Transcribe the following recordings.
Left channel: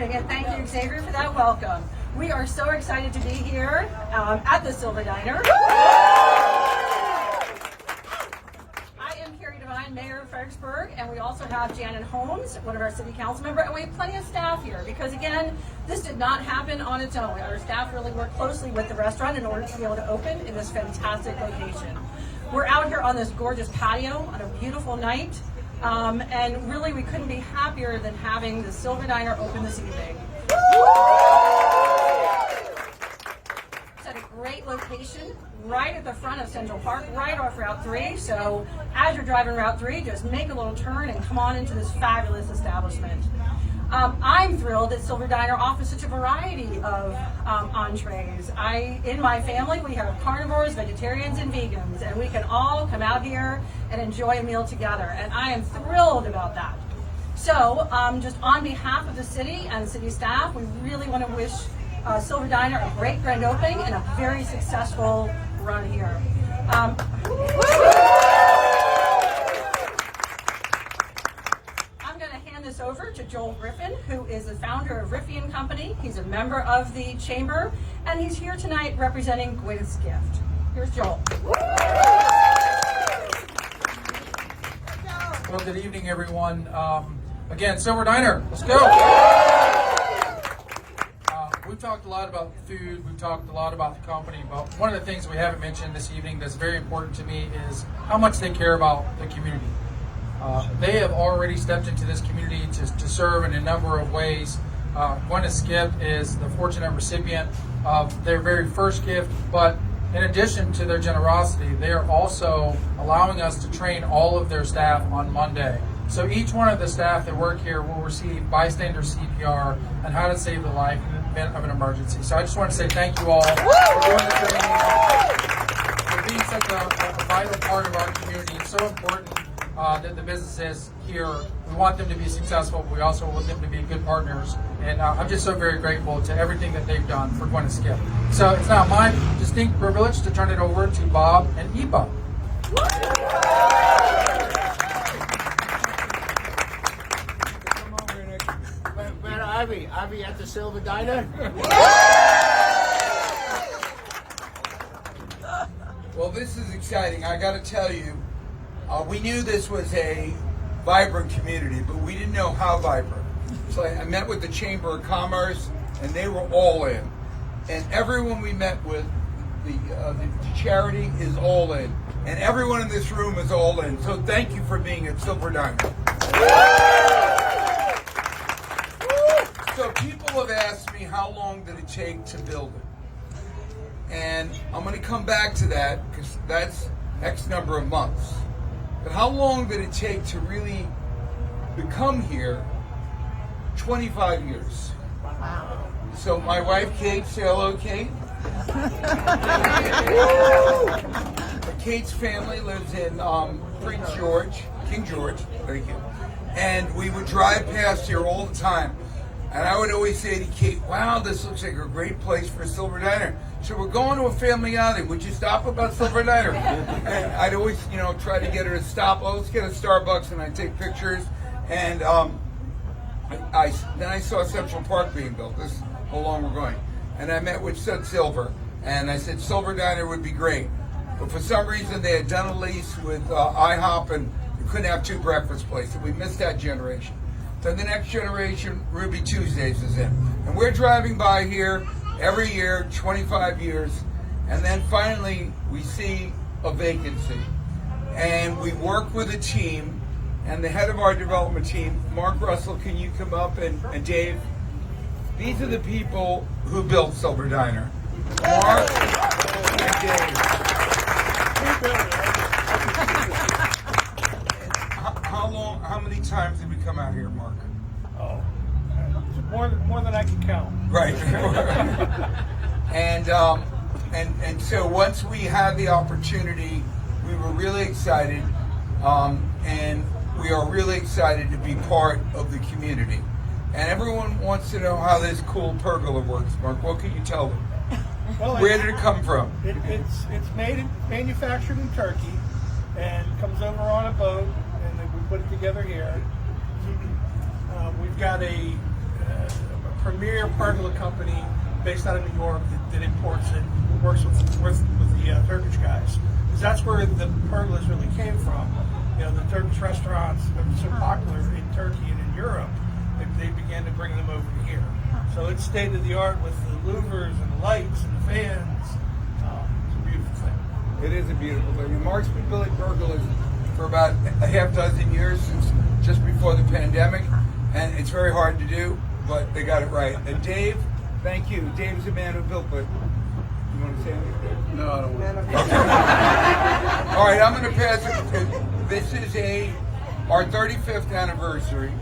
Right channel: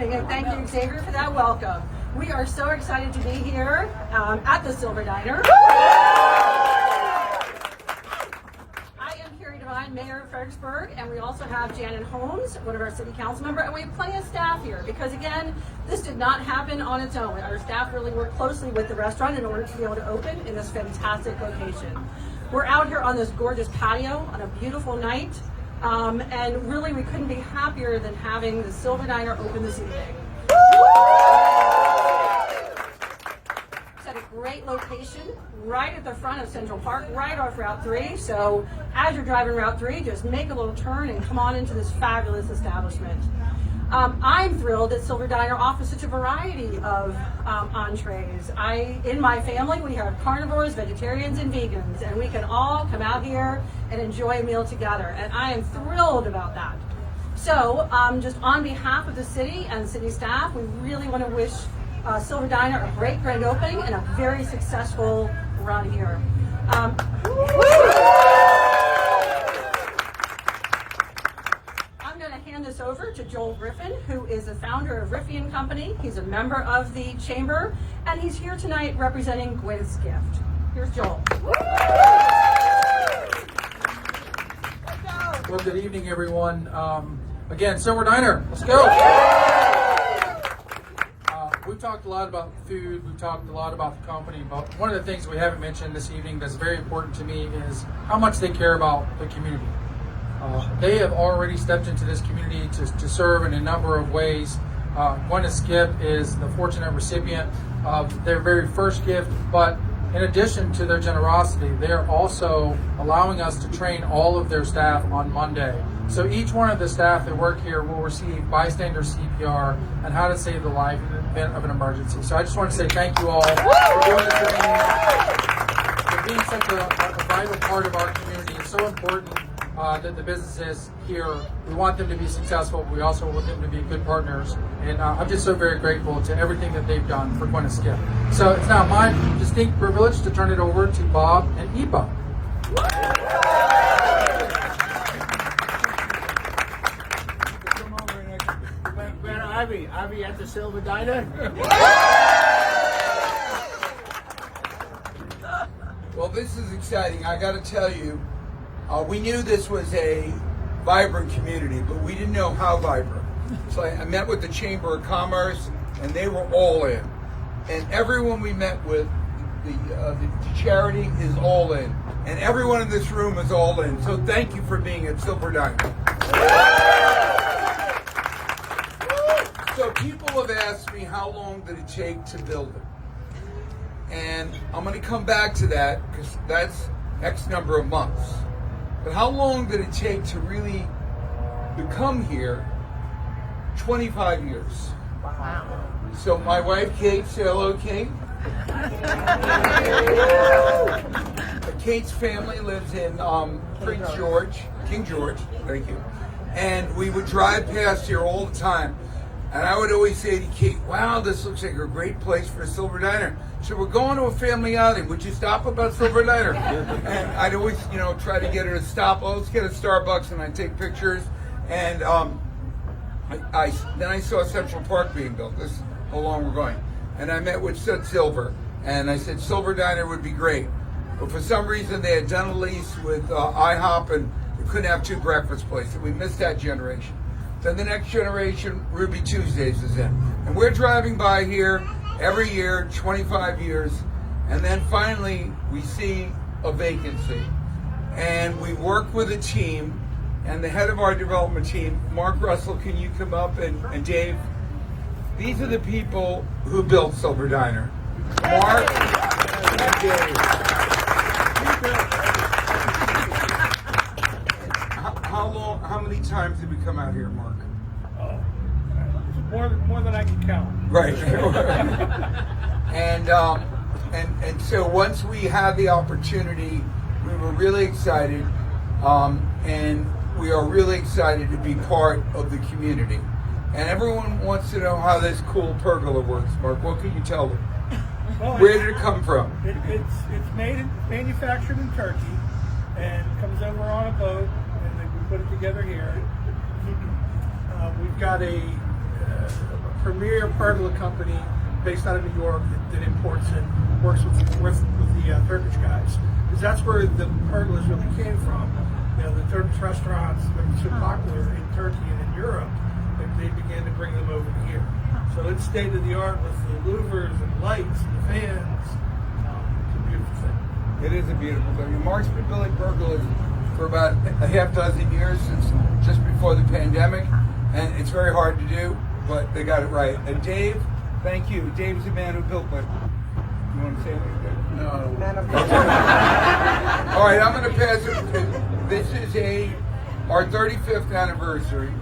evening, and thank you, Xavier, for that welcome. We are so excited to be here at the Silver Diner. Mayor of Fredericksburg, and we also have Janet Holmes, one of our city council members, and we have plenty of staff here because, again, this did not happen on its own. Our staff really worked closely with the restaurant in order to be able to open in this fantastic location. We're out here on this gorgeous patio on a beautiful night, and really we couldn't be happier than having the Silver Diner open this evening. At a great location right at the front of Central Park, right off Route 3. So as you're driving Route 3, just make a little turn and come on into this fabulous establishment. I'm thrilled that Silver Diner offers such a variety of entrees. In my family, we have carnivores, vegetarians, and vegans, and we can all come out here and enjoy a meal together, and I am thrilled about that. So just on behalf of the city and city staff, we really want to wish Silver Diner a great grand opening and a very successful run here. I'm going to hand this over to Joel Griffin, who is the founder of Riffy & Company. He's a member of the chamber, and he's here tonight representing Gwyneth's Gift. Here's Joel. Well, good evening, everyone. Again, Silver Diner, let's go. We've talked a lot about food, we've talked a lot about the company, but one of the things we haven't mentioned this evening that's very important to me is how much they care about the community. They have already stepped into this community to serve in a number of ways. Gwyneth's Gift is the fortunate recipient of their very first gift, but in addition to their generosity, they are also allowing us to train all of their staff on Monday. So each one of the staff that work here will receive bystander CPR and how to save the life in the event of an emergency. So I just want to say thank you all for doing this training, for being such a vital part of our community. It's so important that the businesses here, we want them to be successful. We also want them to be good partners. And I'm just so very grateful to everything that they've done for Gwyneth's Gift. So it's now my distinct privilege to turn it over to Bob and Ipa. Ivy at the Silver Diner. Well, this is exciting. I got to tell you, we knew this was a vibrant community, but we didn't know how vibrant. So I met with the Chamber of Commerce, and they were all in. And everyone we met with, the charity is all in. And everyone in this room is all in. So thank you for being at Silver Diner. So people have asked me how long did it take to build it? And I'm going to come back to that because that's X number of months. But how long did it take to really become here? 25 years. Wow. So my wife Kate, say hello, Kate. Kate's family lives in King George, thank you. And we would drive past here all the time. And I would always say to Kate, wow, this looks like a great place for a Silver Diner. So we're going to a family outing. Would you stop about Silver Diner? And I'd always, try to get her to stop. Oh, let's get a Starbucks, and I'd take pictures. And then I saw Central Park being built. This is how long we're going. And I met with Sud Silver. And I said, Silver Diner would be great. But for some reason, they had done a lease with IHOP, and they couldn't have two breakfast places. We missed that generation. Then the next generation, Ruby Tuesdays is in. And we're driving by here every year, 25 years, and then finally we see a vacancy. And we work with a team, and the head of our development team, Mark Russell, can you come up, and Dave? These are the people who built Silver Diner. Mark and Dave. How many times did we come out here, Mark? Oh, more than I can count. Right. and so once we had the opportunity, we were really excited, and we are really excited to be part of the community. And everyone wants to know how this cool pergola works, Mark. What can you tell them? Well, where did it come from? It's manufactured in Turkey and comes over on a boat, and then we put it together here. We've got a a premier pergola company based out of New York that imports it, works with the Turkish guys. Because that's where the pergolas really came from. You know, the Turkish restaurants that are so popular in Turkey and in Europe, they began to bring them over to here. So it's state of the art with the louvers and the lights and the fans. It's a beautiful thing. It is a beautiful thing. And Mark's been building pergolas for about a half dozen years, since just before the pandemic, and it's very hard to do, but they got it right. And Dave, thank you. Dave is the man who built, but you want to say anything, Dave? No, I don't want to. All right, I'm going to pass it. This is our 35th anniversary,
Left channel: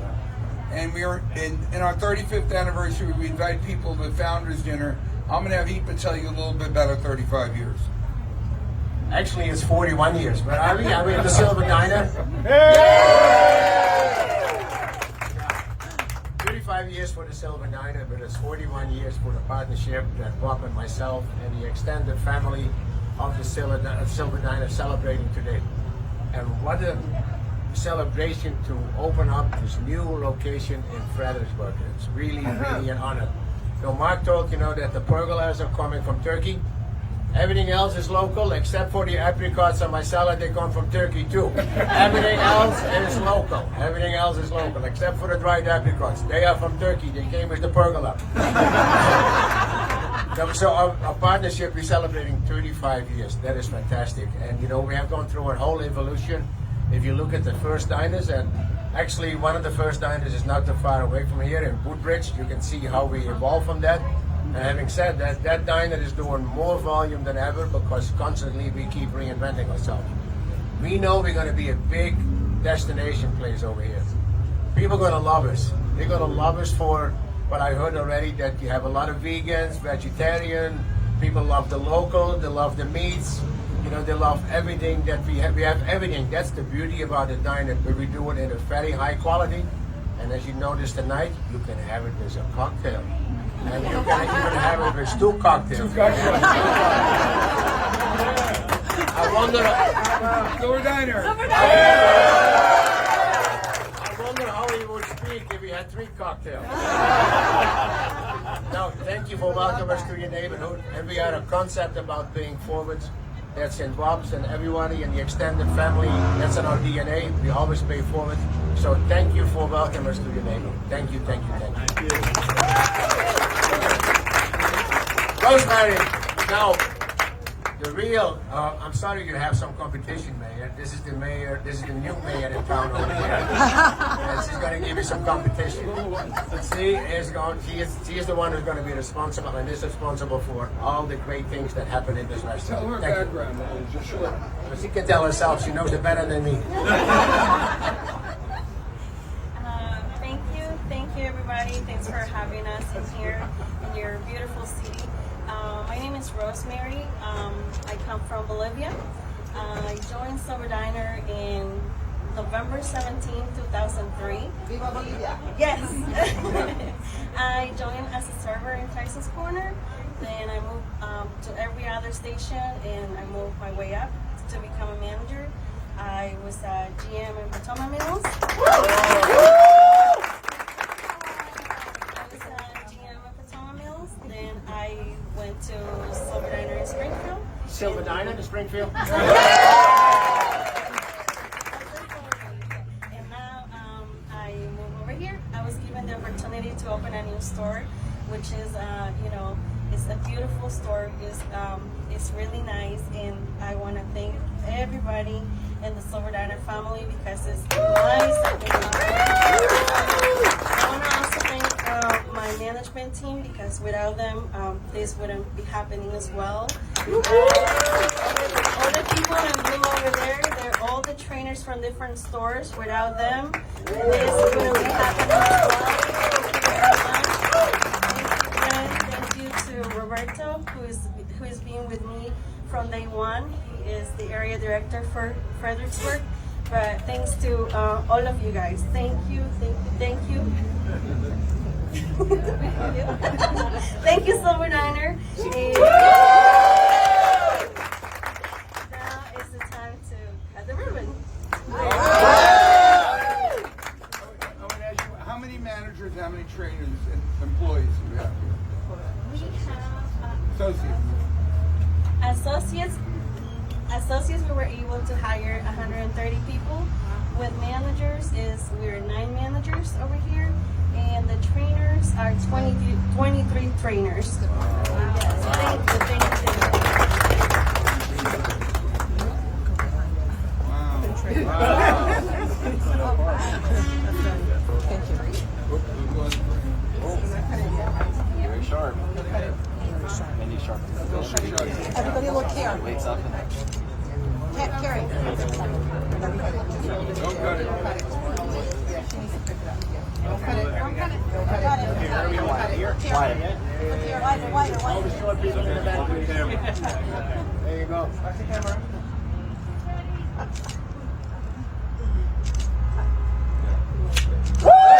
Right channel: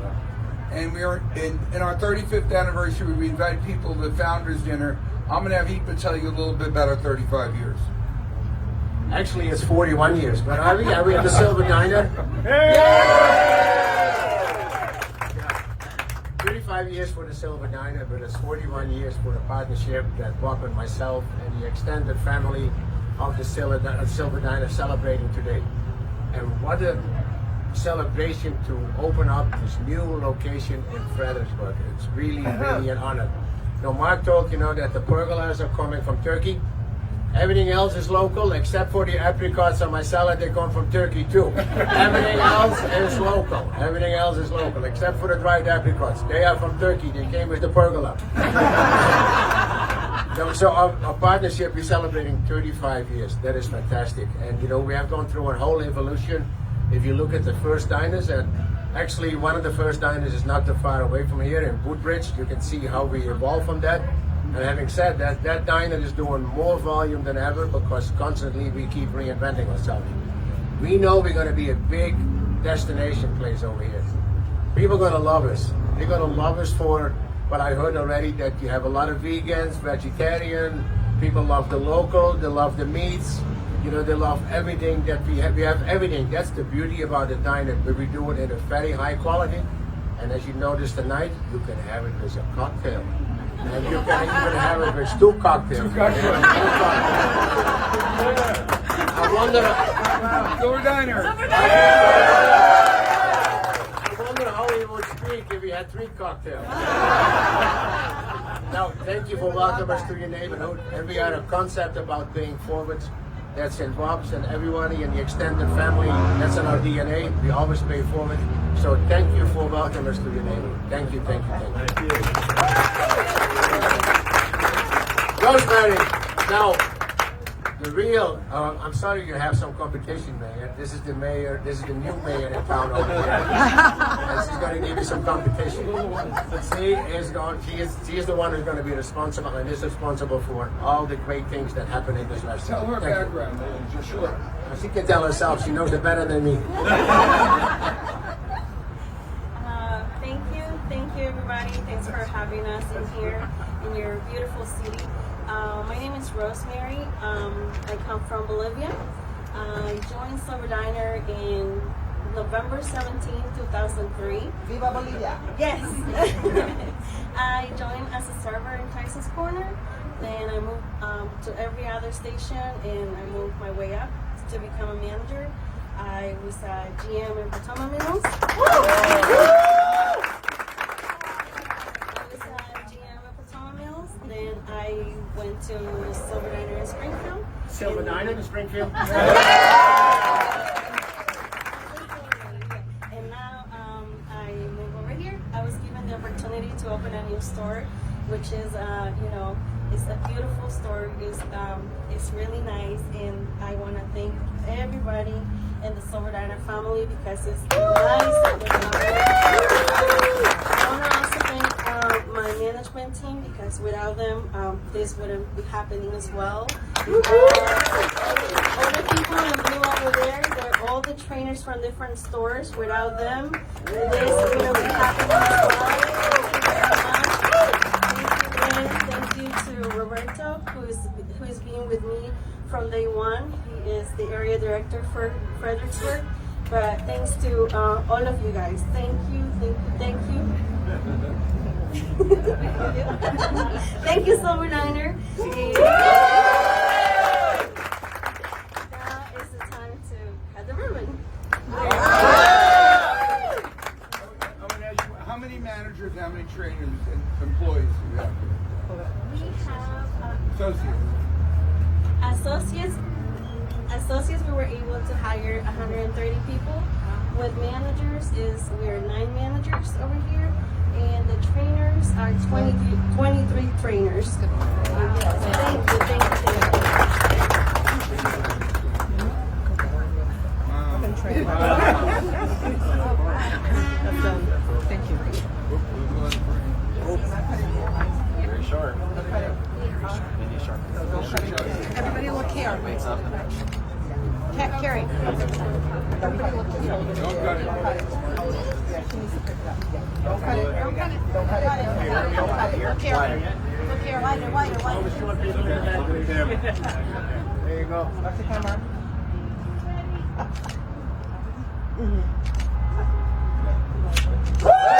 and we are in our 35th anniversary. We invite people to the Founders Dinner. I'm going to have Ipa tell you a little bit about our 35 years. Actually, it's 41 years. But are we at the Silver Diner? 35 years for the Silver Diner, but it's 41 years for the partnership that Bob and myself and the extended family of the Silver Diner celebrating today. And what a celebration to open up this new location in Fredericksburg. It's really, really an honor. So Mark told that the pergolas are coming from Turkey. Everything else is local except for the apricots on my salad. They come from Turkey too. Everything else is local. Everything else is local except for the dried apricots. They are from Turkey. They came with the pergola. So our partnership is celebrating 35 years. That is fantastic. And we have gone through a whole evolution. If you look at the first diners, and actually one of the first diners is not too far away from here in Woodbridge. You can see how we evolved from that. And having said that, that diner is doing more volume than ever because constantly we keep reinventing ourselves. We know we're going to be a big destination place over here. People are going to love us. They're going to love us for what I heard already, that you have a lot of vegans, vegetarian, people love the local, they love the meats, they love everything that we have. We have everything. That's the beauty about the diner, but we do it in a very high quality. And as you notice tonight, you can have it as a cocktail. And you can even have it with two cocktails. I wonder. Silver Diner. I wonder how he would speak if he had 3 cocktails. Now, thank you for welcoming us to your neighborhood. And we had a concept about paying forward. That's in Bob's and everybody in the extended family. That's in our DNA. We always pay forward. So thank you for welcoming us to your neighborhood. Thank you, thank you, thank you. Rosemary, now, the real, I'm sorry you have some competition, Mayor. This is the new mayor in town over here. This is going to give you some competition. She is the one who's going to be responsible and is responsible for all the great things that happen in this restaurant. Tell her background, just short. She can tell herself, she knows it better than me. Thank you everybody. Thanks for having us in here in your beautiful city. My name is Rosemary. I come from Bolivia. I joined Silver Diner in November 17, 2003. Viva Bolivia! Yes! I joined as a server in Tyson's Corner. Then I moved to every other station and I moved my way up to become a manager. I was a GM in Potomac Mills. Then I went to Silver Diner in Springfield. Silver Diner in Springfield? And now I move over here. I was given the opportunity to open a new store, which is, it's a beautiful store. It's really nice, and I want to thank everybody in the Silver Diner family because it's nice. I want to also thank my management team because without them, this wouldn't be happening as well. All the people in blue over there, they're all the trainers from different stores. Without them, this wouldn't be happening as well. Thank you to Roberto, who has been with me from day one. He is the area director for Fredericksburg. But thanks to all of you guys. Thank you. Thank you, Silver Diner. Now is the time to cut the ribbon. How many managers how many trainers and employees do we have here? We have Associates. associates. We were able to hire 130 people. With managers, we're 9 managers over here, and the trainers are 23 trainers. Yes, thank you. Wow. Thank you. Everybody look here. Carrie. Everybody look here. Don't cut it. Yeah, she needs to pick it up. Yeah. Don't cut it. Don't cut it. Don't cut it. Don't cut it. Look here. Look here. Hide your light. All the short people in the back of the camera. There you go. Watch the camera. Woo!